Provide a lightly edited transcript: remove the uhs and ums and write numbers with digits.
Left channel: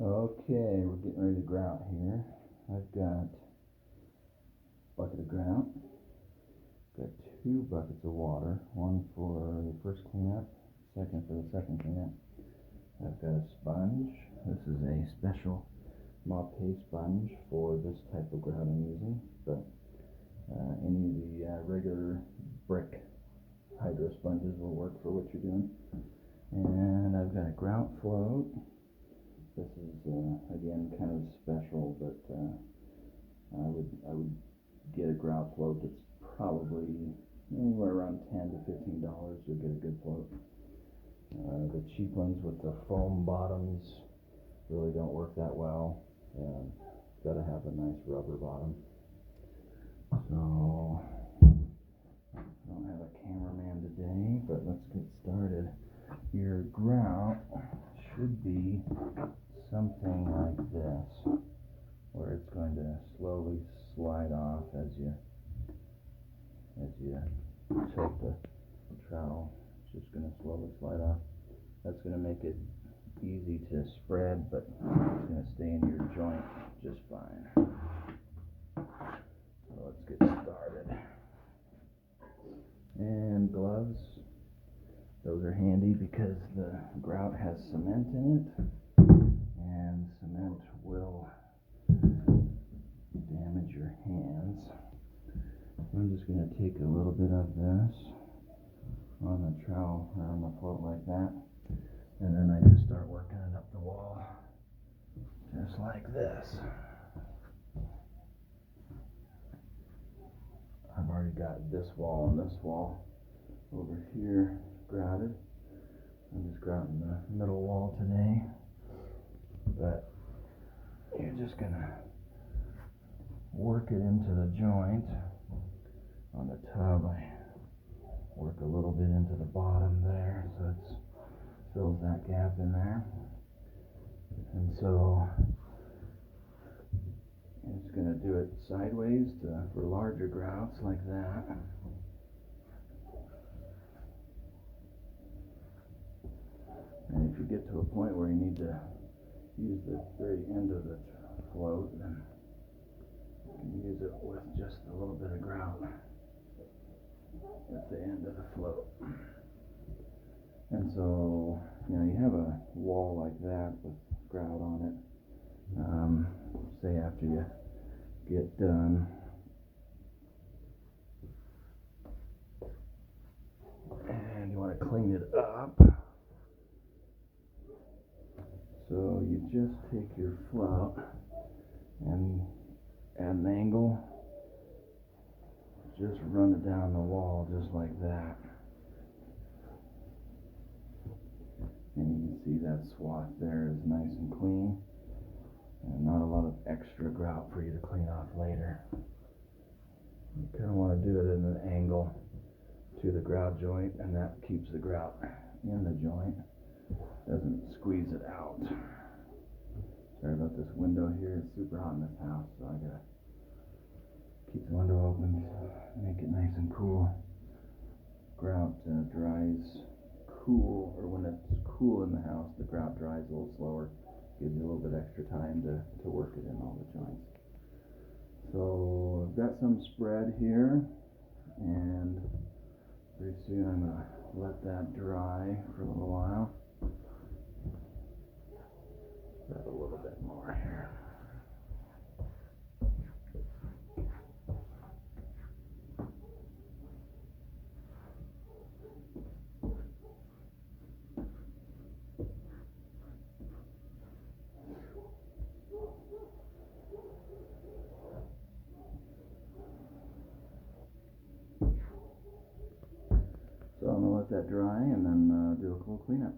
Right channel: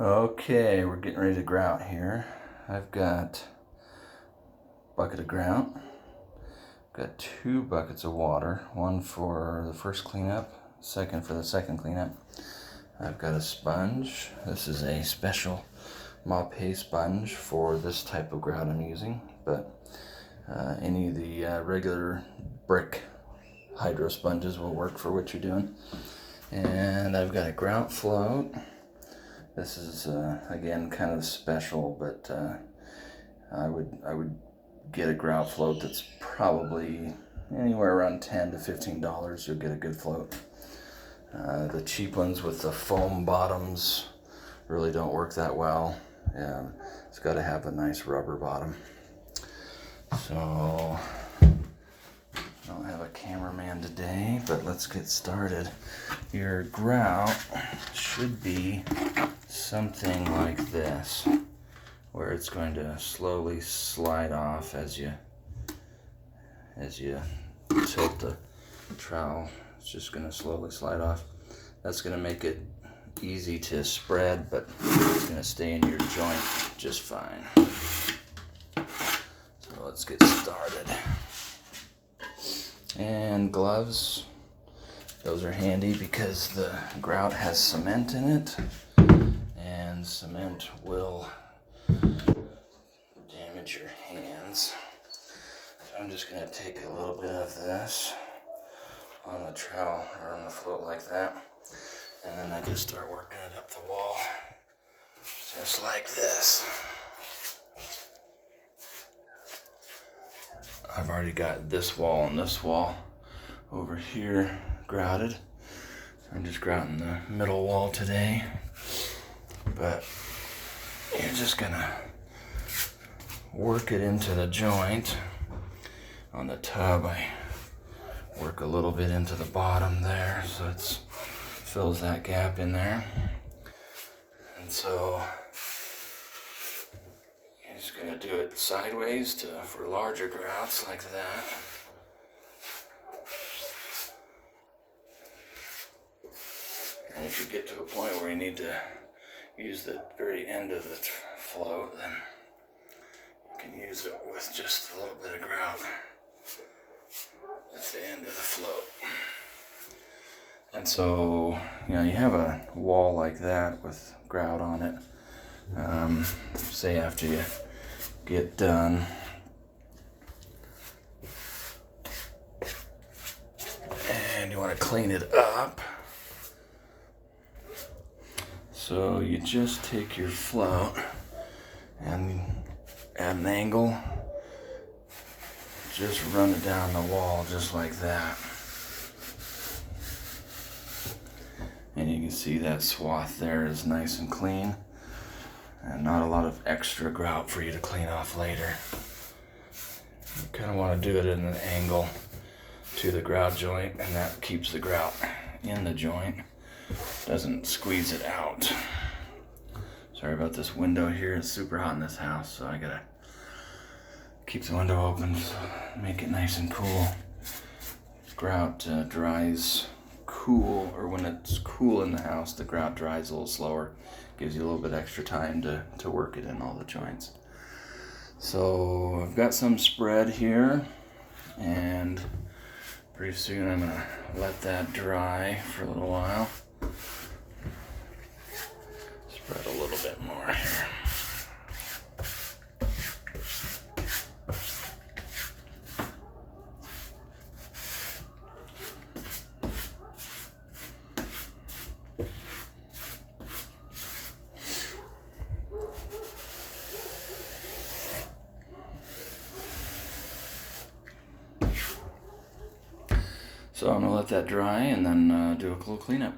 Okay, we're getting ready to grout here. I've got a bucket of grout. Got 2 buckets of water, one for the first cleanup, second for the second cleanup. I've got a sponge. This is a special Mop-Hay sponge for this type of grout I'm using, but any of the regular brick hydro sponges will work for what you're doing. And I've got a grout float. This is again kind of special, but I would get a grout float that's probably anywhere around $10 to $15. You'll get a good float. The cheap ones with the foam bottoms really don't work that well. It's got to have a nice rubber bottom. So I don't have a cameraman today, but let's get started. Your grout should be something like this, where it's going to slowly slide off as you tilt the trowel. It's just going to slowly slide off. That's going to make it easy to spread, but it's going to stay in your joint just fine. So let's get started. And gloves, those are handy because the grout has cement in it, and cement will damage your hands. So I'm just going to take a little bit of this on the trowel or on the float like that, and then I just start working it up the wall just like this. I've already got this wall and this wall over here grouted. I'm just grouting the middle wall today, but you're just gonna work it into the joint. On the tub, I work a little bit into the bottom there, so it fills that gap in there. And so you're just gonna do it sideways for larger grouts like that. And if you get to a point where you need to use the very end of the float, then you can use it with just a little bit of grout at the end of the float. And so, you have a wall like that with grout on it. Say after you get done, and you want to clean it up, so you just take your float and at an angle, just run it down the wall just like that. And you can see that swath there is nice and clean, and not a lot of extra grout for you to clean off later. You kind of want to do it at an angle to the grout joint, and that keeps the grout in the joint, doesn't squeeze it out. Sorry about this window here, it's super hot in this house, so I gotta keep the window open, so make it nice and cool. Grout dries cool, or when it's cool in the house, the grout dries a little slower. Gives you a little bit extra time to work it in all the joints. So I've got some spread here, and pretty soon I'm gonna let that dry for a little while. Spread a little bit more here. So I'm gonna let that dry and then do a little cleanup.